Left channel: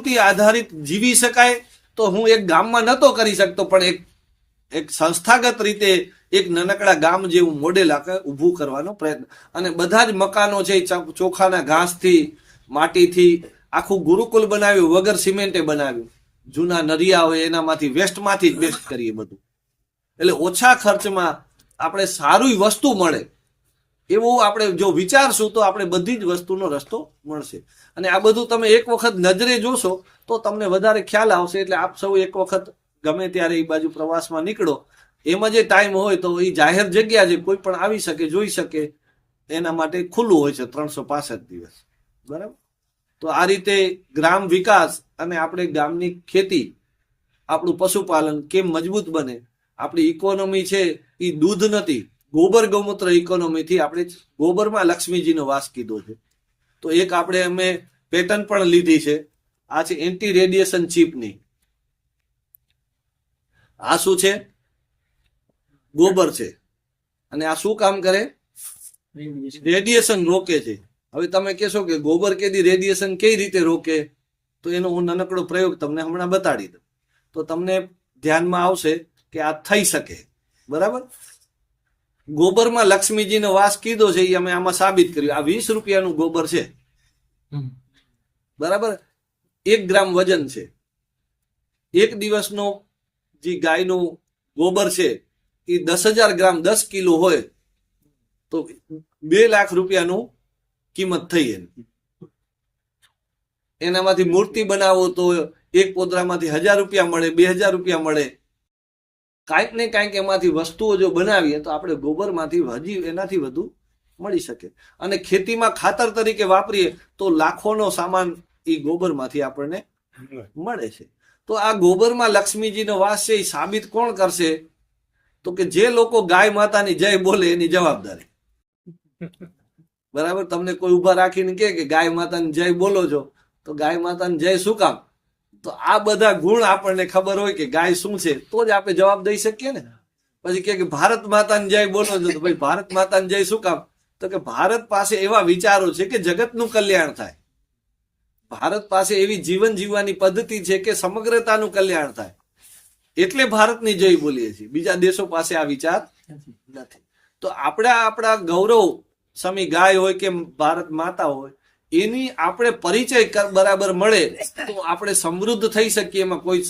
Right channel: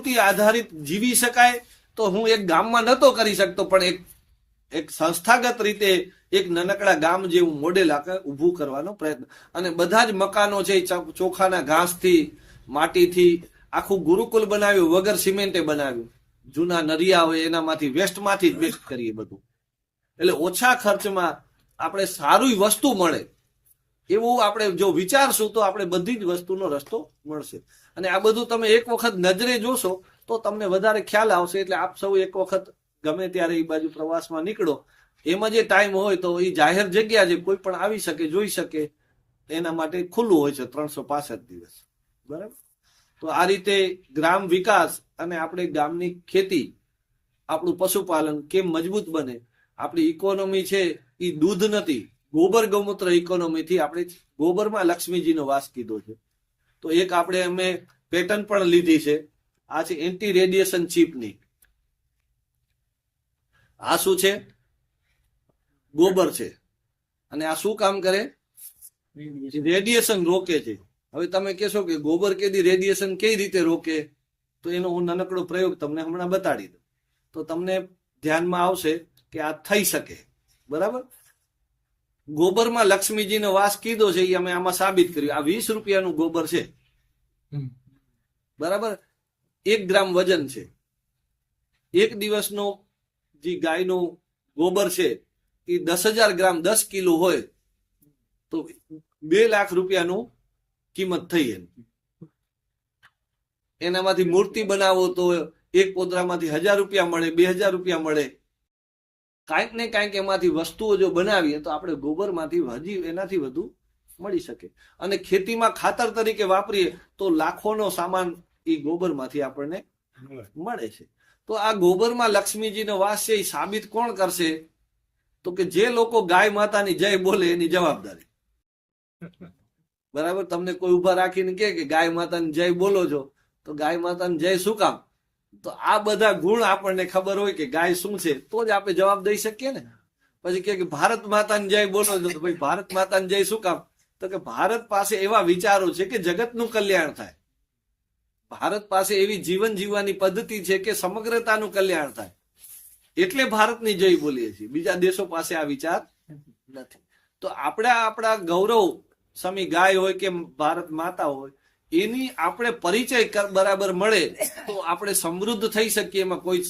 પ્રકૃતિ આધારિત જીવી શકાય તો હું એક ગામમાં નહોતો કરી શકતો, પણ એક એક સંસ્થાગત રીતે એક નાનકડા ગામ જેવું મોડેલ ઊભું કરવાનો પ્રયત્ન. અને બધા જ મકાનો છે ચોખાના ઘાસથી, માટીથી આખું ગુરુકુલ બનાવ્યું, વગર સિમેન્ટે બનાવ્યું. જૂના નરિયા હોય એનામાંથી વેસ્ટમાંથી જ બેસ્ટ કરીએ બધું. એટલે ઓછા ખર્ચમાં આપણે સારી વસ્તુ મળે. એવું આપણે જો વિચારશું તો આપણે બધી જ વસ્તુનો રસ્તો મળશે. અને આ બધું તમે એક વખત નજરે જોશો તો તમને વધારે ખ્યાલ આવશે. એટલે આપ સૌ એક વખત ગમે ત્યારે એ બાજુ પ્રવાસમાં નીકળો. એમાં જે ટાઈમ હોય તો એ જાહેર જગ્યા છે કોઈ પણ આવી શકે, જોઈ શકે, એના માટે ખુલ્લું હોય છે ત્રણસો દિવસ. બરાબર? તો આ રીતે ગ્રામ વિકાસ અને આપણે ગામની ખેતી, આપણું પશુપાલન કેમ મજબૂત બને? આપણી ઇકોનોમી છે એ દૂધ નથી. ગોબર ગૌમૂત્ર ઇકોનોમીથી આપણે ગોબરમાં લક્ષ્મીજીનો વાસ કીધો છે. તો એક આપણે અમે પેટર્ન પણ લીધી છે. આ છે એન્ટી રેડિયેશન ચીપની. આ શું છે? ગોબર છે. અને આ શું કામ કરે? રેડિયેશન રોકે છે. હવે તમે કહેશો કે ગોબર કેદી રેડિયેશન કઈ રીતે રોકે? તો એનો હું નાનકડો પ્રયોગ તમને હમણાં બતાડી દઉં. તો તમને ધ્યાનમાં આવશે કે આ થઈ શકે. બરાબર? ગોબરમાં લક્ષ્મીજીનો વાસ કીધો છે એ અમે આમાં સાબિત કર્યું. આ વીસ રૂપિયાનું ગોબર છે. બરાબર? એક ગ્રામ વજન છે. એક દિવસનો જે ગાયનું ગોબર છે એ દસ હજાર ગ્રામ દસ કિલો હોય તો બે લાખ રૂપિયાનું કિંમત થઈ એની. એનામાંથી મૂર્તિ બનાવો તો એક પોદરામાંથી હજાર રૂપિયા મળે બે હજાર રૂપિયા મળે કાંઈક ને કાંઈક એમાંથી વસ્તુઓ જો બનાવીએ તો આપણે ગોબરમાંથી હજી એનાથી વધુ મળી શકે. અને ખેતીમાં ખાતર તરીકે વાપરીએ તો લાખોનો સામાન એ ગોબરમાંથી આપણને મળે છે. તો આ ગોબરમાં લક્ષ્મીજીનો વાસ છે એ સાબિત કોણ કરશે? તો કે જે લોકો ગાય માતાની જય બોલે એની જવાબદારી. બરાબર? તમને કોઈ ઊભા રાખીને કે ગાય માતાની જય બોલો છો તો ગાય માતાની જય શું કામ? તો આ બધા ગુણ આપણને ખબર હોય કે ગાય શું છે, તો જ આપણે જવાબ દઈ શકીએ ને. પછી કે ભારત માતાની જય બોલો તો ભાઈ ભારત માતાની જય શું કામ? તો કે ભારત પાસે એવા વિચારો છે કે જગતનું કલ્યાણ થાય. ભારત પાસે એવી જીવન જીવવાની પદ્ધતિ છે કે સમગ્રતાનું કલ્યાણ થાય. એટલે ભારતની જય બોલીએ છીએ. બીજા દેશો પાસે આ વિચાર નથી. તો આપણા આપણા ગૌરવ સમી ગાય હોય કે ભારત માતા હોય એની આપણે પરિચય બરાબર મળે તો આપણે સમૃદ્ધ થઈ શકીએ એમાં કોઈ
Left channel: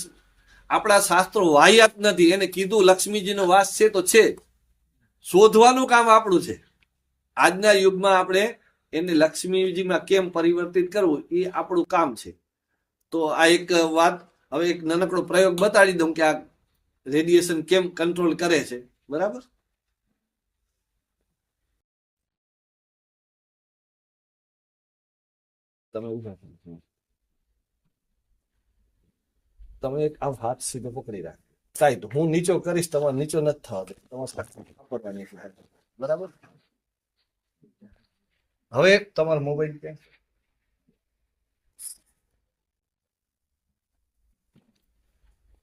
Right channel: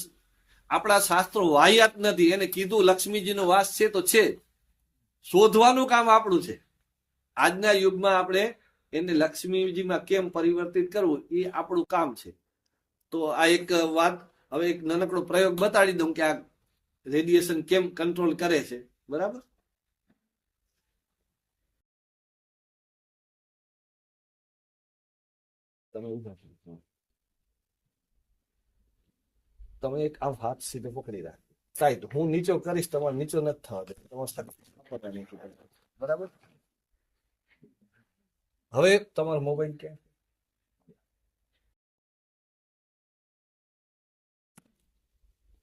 આપણા શાસ્ત્રો વાહિયાત નથી. એને કીધું લક્ષ્મીજીનો વાસ છે તો છે શોધવાનું કામ આપણું છે. આજના યુગમાં આપણે એને લક્ષ્મીજીમાં કેમ પરિવર્તિત કરવું એ આપણું કામ છે. તો આ એક વાત, હવે એક નાનકડો પ્રયોગ બતાડી દઉં કે આ રેડિયેશન કેમ કંટ્રોલ કરે છે. બરાબર? તમે ઊભા થો. તમે એક આમ હાથ સીધો પકડી રાખ સાહેબ હું નીચો કરીશ, તમારે નીચો નથી થવા દે થાય. બરાબર? હવે તમારો મોબાઈલ ક્યાં?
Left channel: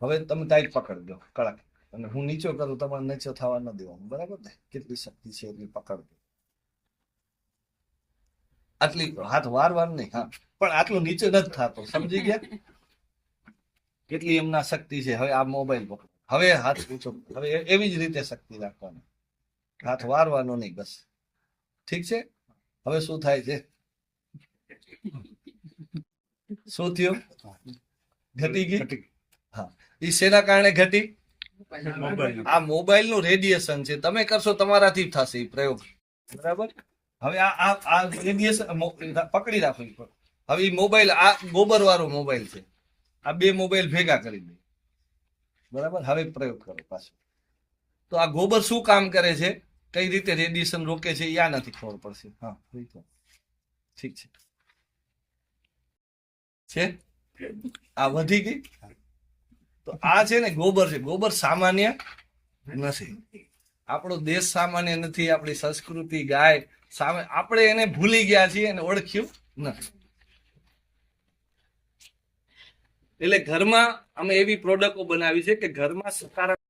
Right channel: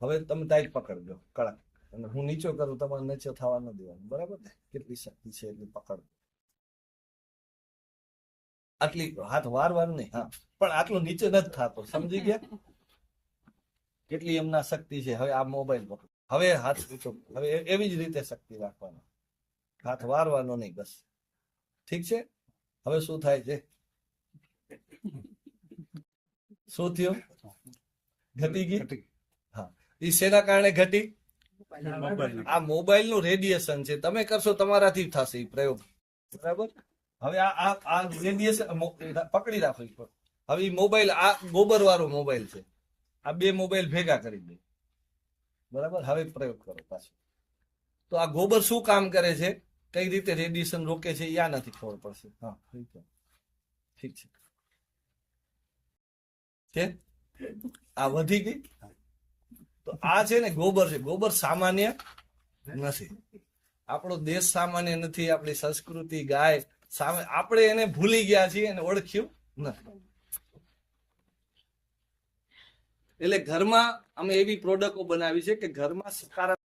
હવે તમે ટાઈટ પકડી દો કડક. અને હું નીચો કરું, તમારે નીચો થવા ન દેવાનું. બરાબર ને? કેટલી શક્તિ છે એટલી પકડ આટલી હાથ વારવાર નહીં હા. પણ આટલું નીચે નથી થતો સમજી ગયા? કેટલી એમના શક્તિ છે હવે આ મોબાઈલ પર. હવે હાથ ઊંચો હવે એવી જ રીતે શક્તિ રાખવાની. હાથ વારવાનો નહીં બસ. ઠીક છે? હવે શું થાય છે? શું થયું? ઘટી ગઈ? હા. એ શેના કારણે ઘટી? આ મોબાઈલનું રેડિયેશન છે. તમે કરશો તમારાથી થશે એ પ્રયોગ. બરાબર? હવે આ આ રેડિયેશન પકડી રાખો હવે એ મોબાઈલ આ ગોબર વાળો મોબાઈલ છે. આ બે મોબાઈલ ભેગા કરી દે. બરાબર? હવે પ્રયોગ કરો પાછો. તો આ ગોબર શું કામ કરે છે? કઈ રીતે રેડિયેશન રોકે છે યા નથી ખબર પડશે. હા ઠીક છે. છે? આ વધી ગઈ? તો આ છે ને ગોબર છે. ગોબર સામાન્ય નથી. આપણો દેશ સામાન્ય નથી. આપણી સંસ્કૃતિ, ગાય સામે આપણે એને ભૂલી ગયા છીએ અને ઓળખ્યું નથી. એટલે ઘરમાં અમે એવી પ્રોડક્ટો બનાવી છે કે ઘરમાં સકારાત્મક